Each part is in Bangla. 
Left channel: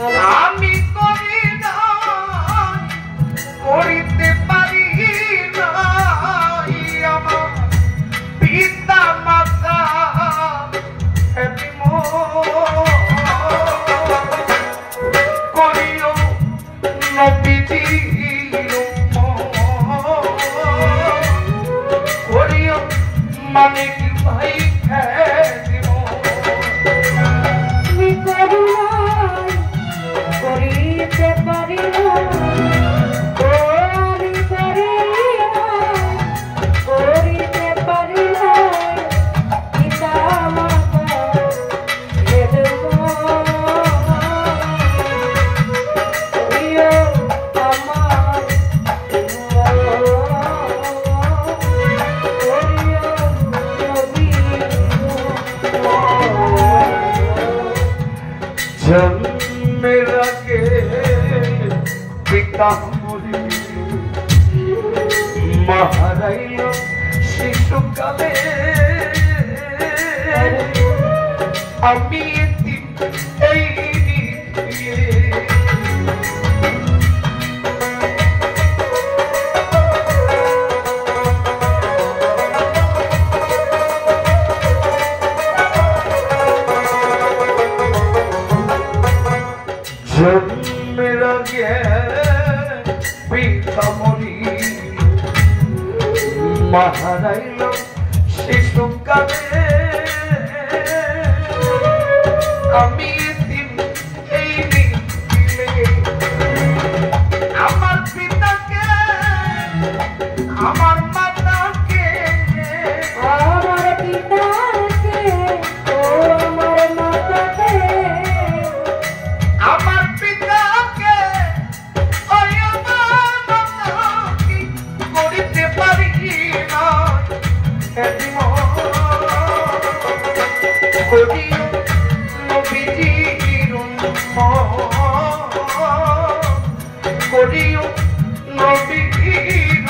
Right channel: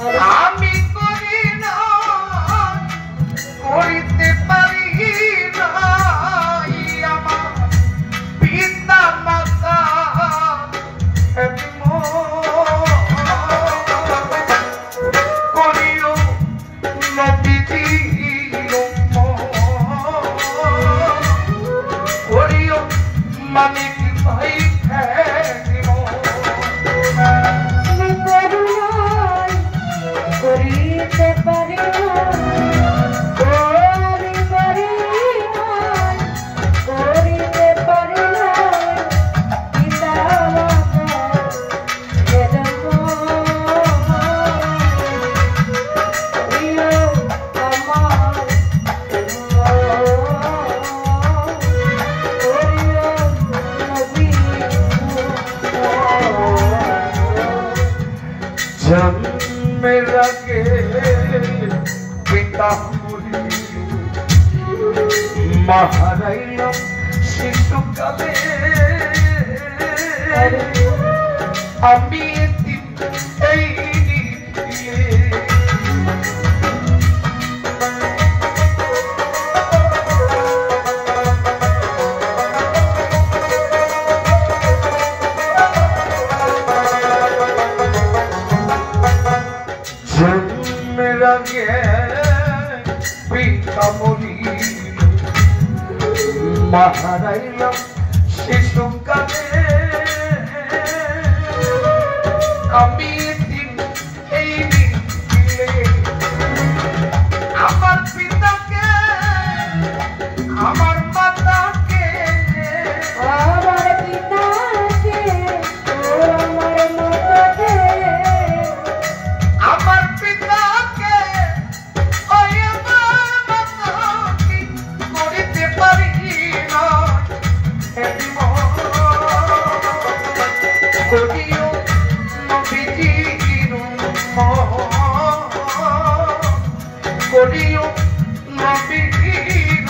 আমি করি না করিতে পারি না আমার পিতা মাতা করিও নবীজি করিও মালিক ভাই করিতে পারি করিতে পারি পিতা जन्मेर आगे पिता महाराइल शिशुकाले আমি এই जन्मेर आगे पिता मरी महाराइल शिशुकाले আমি এই দিলে আমার পিতাকে আমার মাতাকে আমার পিতাকে ও আমার মাতাকে আমার পিতাকে ওই আমার মাতাকে করিতে পারি না করিও নবীজির করিও নবীজির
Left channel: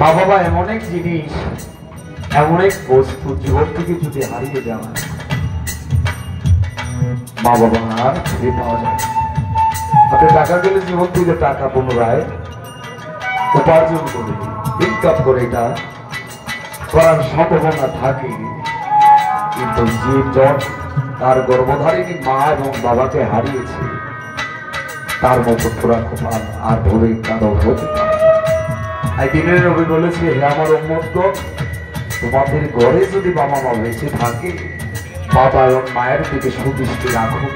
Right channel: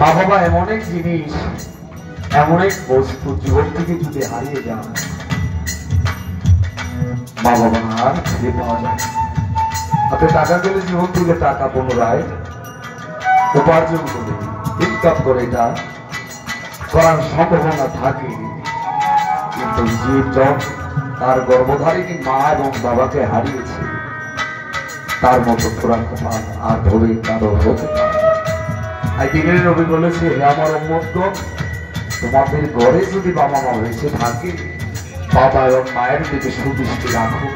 মা বাবা এমন এক জিনিস এমন এক বস্তু জীবন থেকে যদি হারিয়ে যায় মা বাবা আর ফিরে পাওয়া যায় আপনি টাকা দিলে জীবন থেকে টাকা পুনরায় উপার্জন করে ইনকাম করে এটা করার সম্ভাবনা থাকে কিন্তু জীবন তার গর্ভধারিণী মা এবং বাবাকে হারিয়েছে তার মতো পুরা কপাল আর ভরে কারো হতে পারে। এই দিনের নবী বলেছে হে আমার উম্মতগণ তোমাদের ঘরে যদি বাবা মা বেঁচে থাকে বাবা এবং মায়ের দিকে সুদৃষ্টি রাখো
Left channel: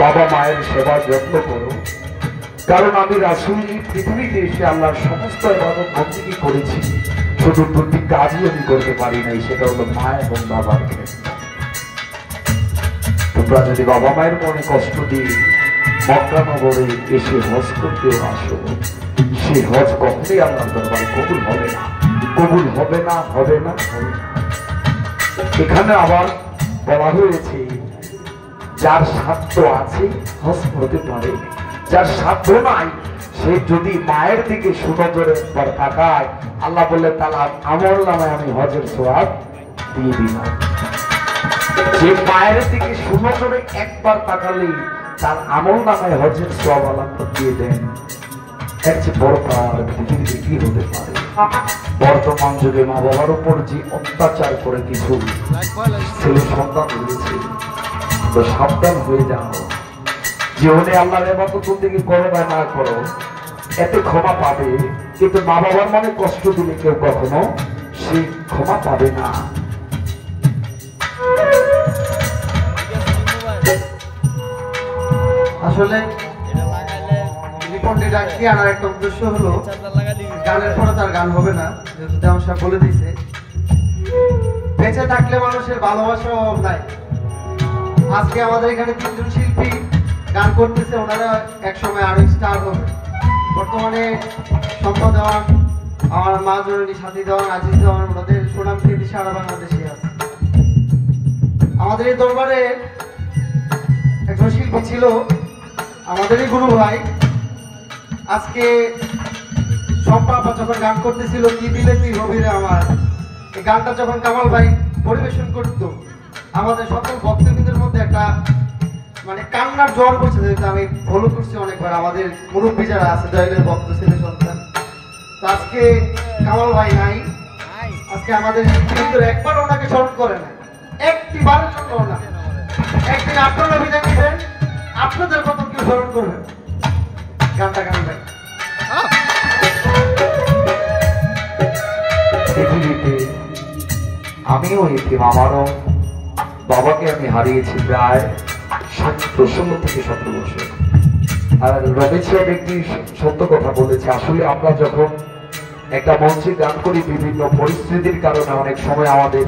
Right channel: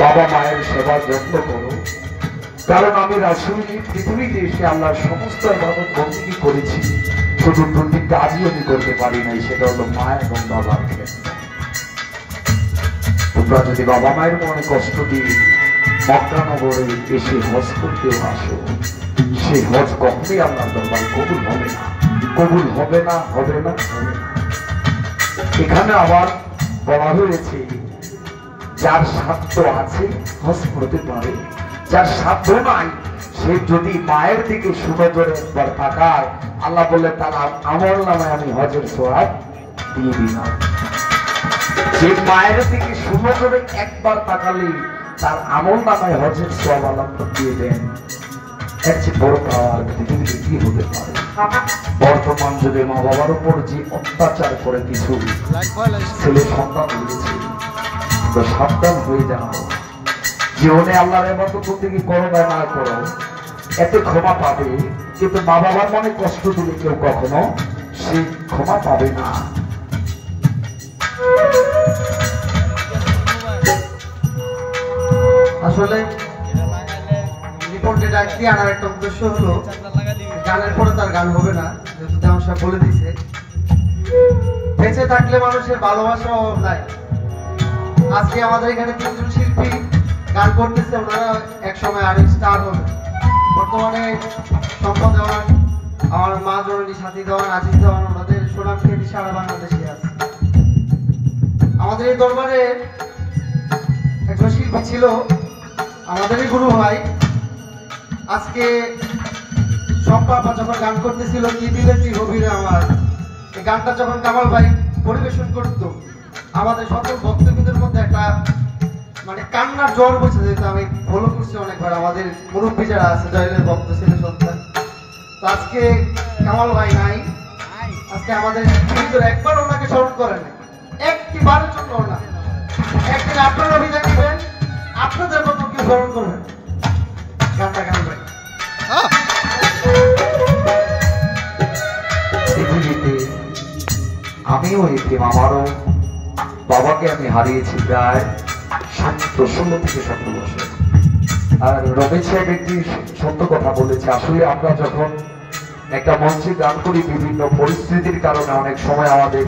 বাবা মায়ের সেবা যত্ন করো কারণ আমি রাসূল পৃথিবীতে এসে আল্লাহর সমস্ত ইবাদত বন্দেগী করেছি শুধু দুটি কাজই আমি করতে পারি নাই সেটা হলো মা এবং বাবার ক্ষেত্রে তোমরা যদি বাবা মায়ের মনে কষ্ট দিয়ে মক্কা নগরে এসে হজ করতেও আসো সেই হজ কখনোই আল্লাহর দরবারে কবুল হবে না কবুল হবে না হবে না হবে না। এখানে আবার বলা হয়েছে যার সাধ্য আছে হজ করতে পারে যার সাধ্য নাই সে যদি মায়ের দিকে সুনজরে একবার তাকায় আল্লাহ বললে তাহলে আমল নামায় আমি হজের সওয়াব দিয়ে দিলাম। যে মায়ের দিকে সুনজরে একবার তাকালে তার আমল নামায় হজের সওয়াব আল্লাহ দিয়ে দেন। এর চেয়ে বড় পাওয়ার পৃথিবীতে কি হতে পারে? বর্তমান যুগে মা বাবার উপর যে অত্যাচার করে কিছু ছেলে সন্তান হয়েছে তো সাবধান হয়ে যাও জীবনে আল্লাহর ইবাদত বন্দেগী করো বা না করো এতে ক্ষমা পাবে কিন্তু মা বাবার মনে কষ্ট দিলে কেউ কখনো সেই ক্ষমা পাবে না। আসলে রিপোর্টে ডাকতে আনার একটা উদ্দেশ্য হলো গানের পরে তার গান হবে না যেহেতু দেওয়ান সাহেব বলে দিছে বেঁচে থাকলে মানুষের ভালোবাসার অভাব নাই। আজকে আমাদের এখানে তিনজন শিল্পী গান করতেছে ওনারা একসময় আরো স্টার হবে। বর্তমানে সম্পদ দেওয়ান আমার মা জননী সাথী দেওয়ান আজিজ দেওয়ান ওনাদের সুনাম খ্যাতি সারা বাংলাদেশে আছে। আমাদের আমাদের এই দরবারে একজন শিল্পী ছিল, আমাদেরই গুরু ভাই। আজকে সম্পাপা যখন গান করতেছিল কি দিলে তুই গভীরে আমার, এই গানটা যখন কামাল ভাই পরিবেশন করতো আমাদের সকল ভক্তবৃন্দের মধ্যে একটা মানে কান্নার জ্বর বসে যেত। আমি ফলো করছি অনেকবার আমাদের মুরব্বী যারা আছে জয়েলের ভক্ত ছেলে সন্তান। তো আজকে কামাল ভাই নাই, আজকে আমাদের ভিতরে একবার ওনাকে স্মরণ করে না, একটি বারের জন্য না। একদিন আপনারা বিদায় নেবেন, আপনাদের মতো কেউ স্মরণ করবেন। গানটা গান ভাই। পৃথিবীতে আমিও এতিম, আমারও বাবাকে আমি হারিয়েছি প্রায় 16 থেকে 17 বছর। আর রমেশ সাহেব একটি সত্য কথা বলেছে, আসলে আমরা যখন একটা মঞ্চে গান করি বিভিন্ন পরিস্থিতির কারণে অনেক সময় আমাদের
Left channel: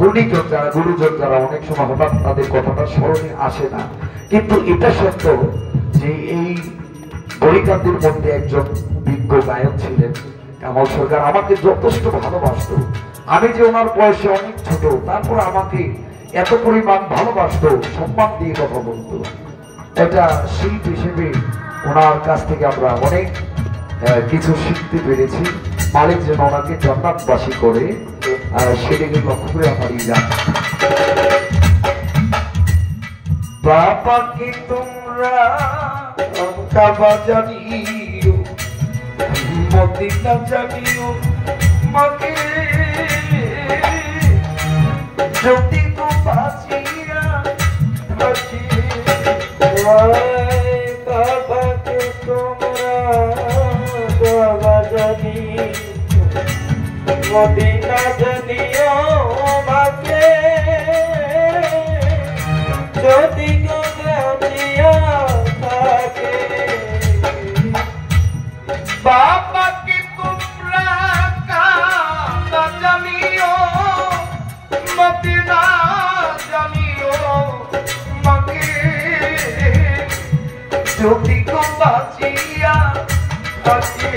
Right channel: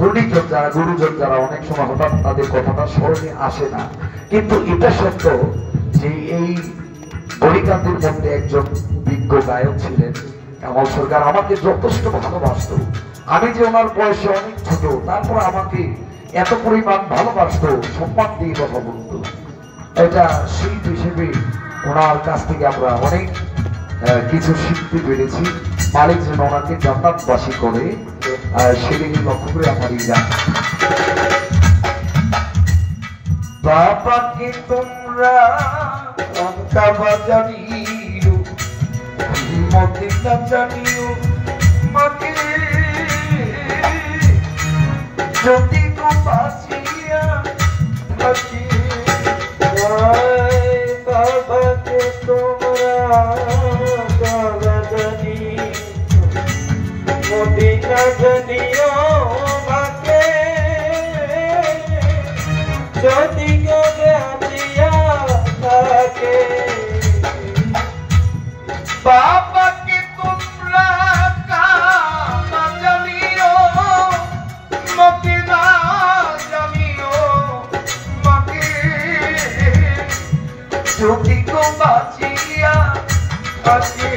গুণীজন যারা গুরুজন যারা অনেক সময় হঠাৎ তাদের কথাটা স্মরণে আসে না, কিন্তু এটা সত্য যে এই বরিকান্তির মধ্যে একজন বিজ্ঞ গায়ক ছিলেন কামাল সরকার, আমাকে যথেষ্ট ভালোবাসতো। আমি যে ওনার বয়সে অনেক ছোট, তারপর আমাকে এত পরিমাণ ভালোবাসতো, সম্মান দিয়ে কথা বলতো। এটা শিল্পী হিসেবে ওনার কাছ থেকে আমরা অনেক কিছু শিখতে পেরেছি। মালিক যেন ওনাকে জান্নাতবাসী করে সেদিকে লক্ষ্য করে আমার এই গান। বাবাকে তোমরা কাবা জানিও, মদিনা জানিও, মাকে যদি তো বাঁচিয়া থাকি। বাবাকে তোমরা কাবা জানিও, মদিনা জানিও, মাকে যদি তো বাঁচিয়া থাকে। বাবাকে তোমরা কাবা জানিও, মদিনা জানিও, মাকে যদি তো বাঁচিয়া থাকে।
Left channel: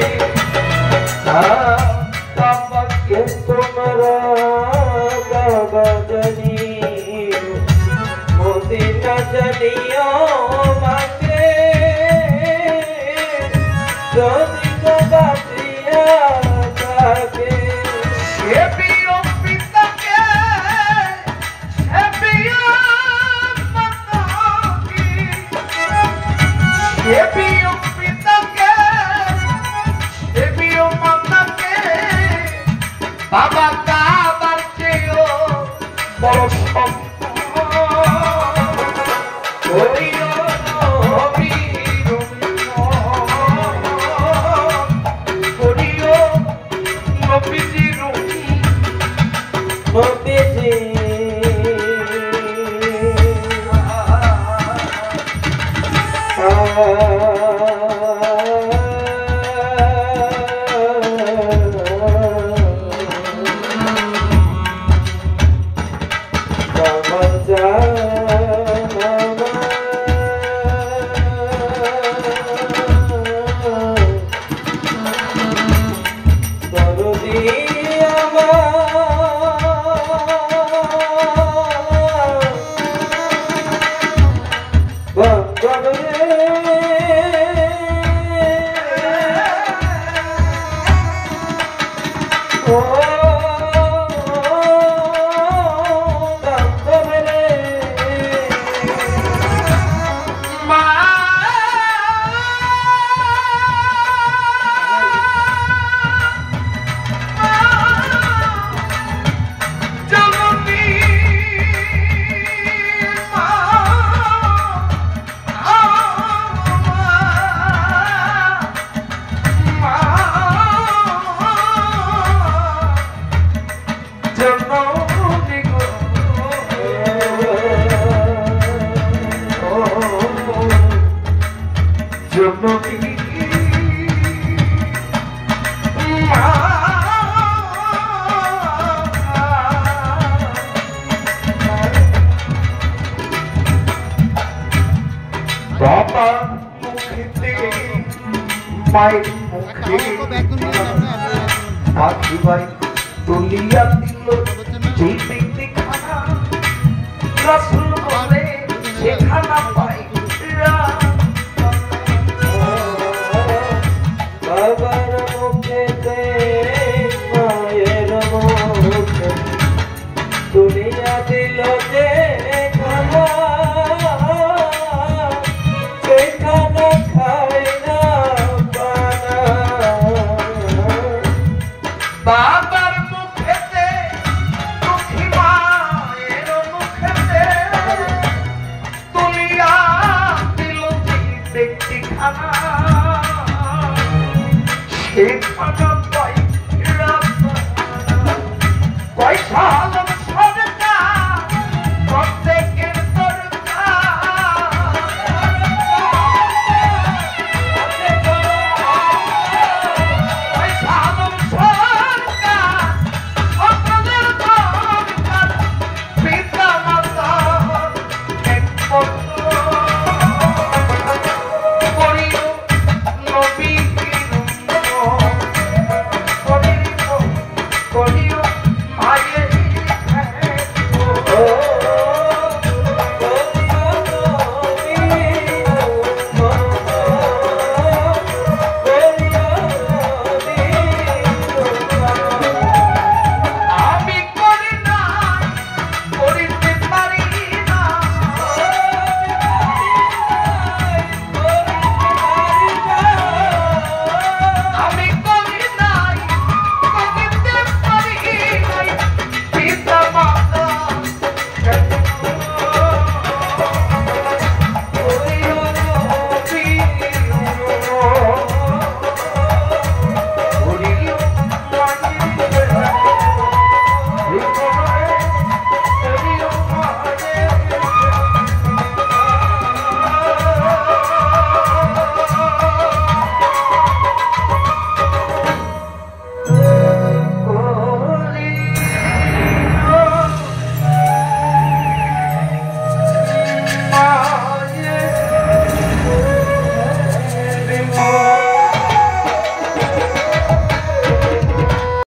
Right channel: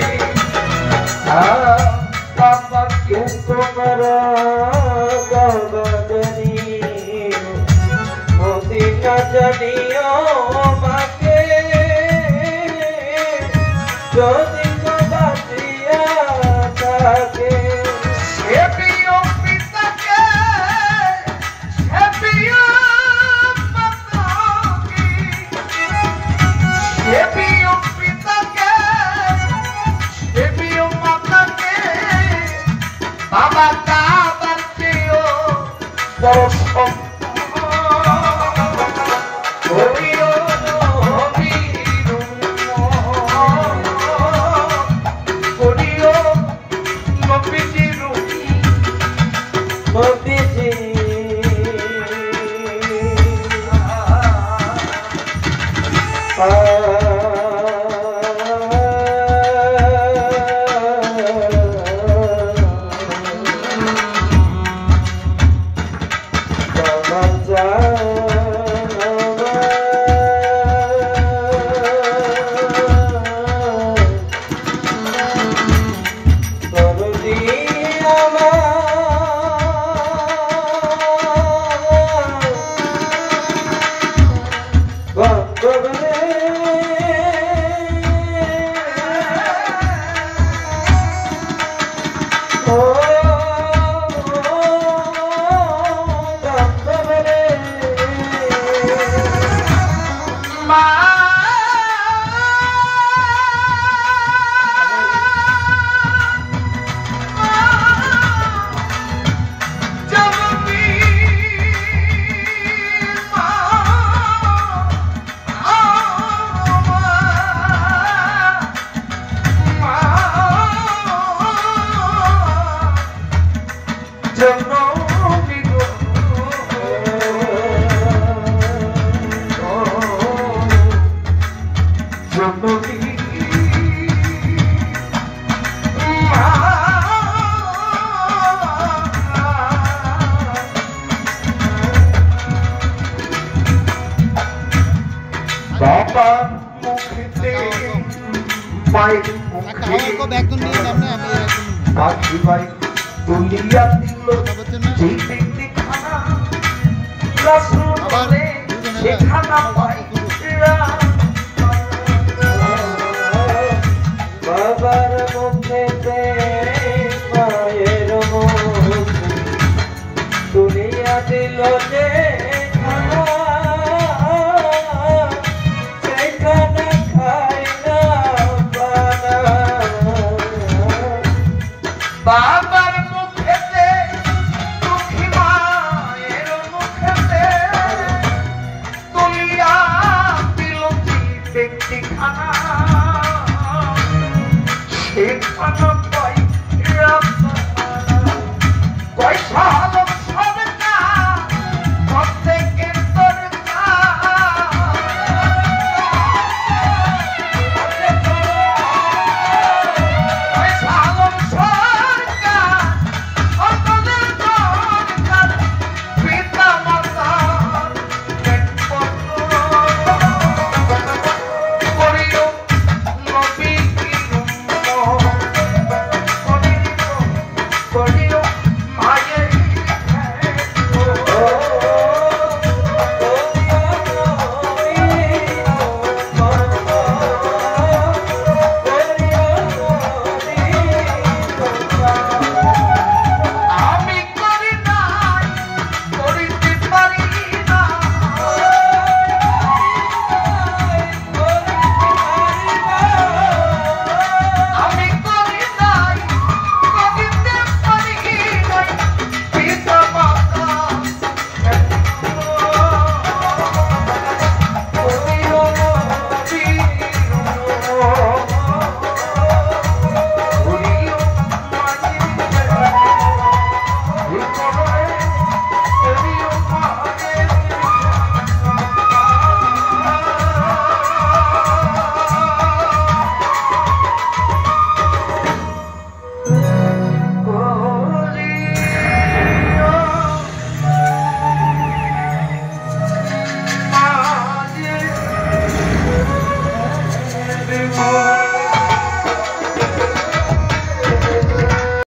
বাবাকে তোমরা কাবা জানিও, মদিনা জানিও, মাকে যদি তো বাঁচিয়া থাকে। সে প্রিয় পিতাকে, সে প্রিয় মাতাকে, সে প্রিয় পিতাকে, সে প্রিয় মাতাকে, বাবা কাবার চেয়েও বড় করিও নবীর করিও নবীজির নবীজি মায়ের মুখে পাখি ভাই তুলিয়া দিল যেই ব্যক্তি খানা দিল যে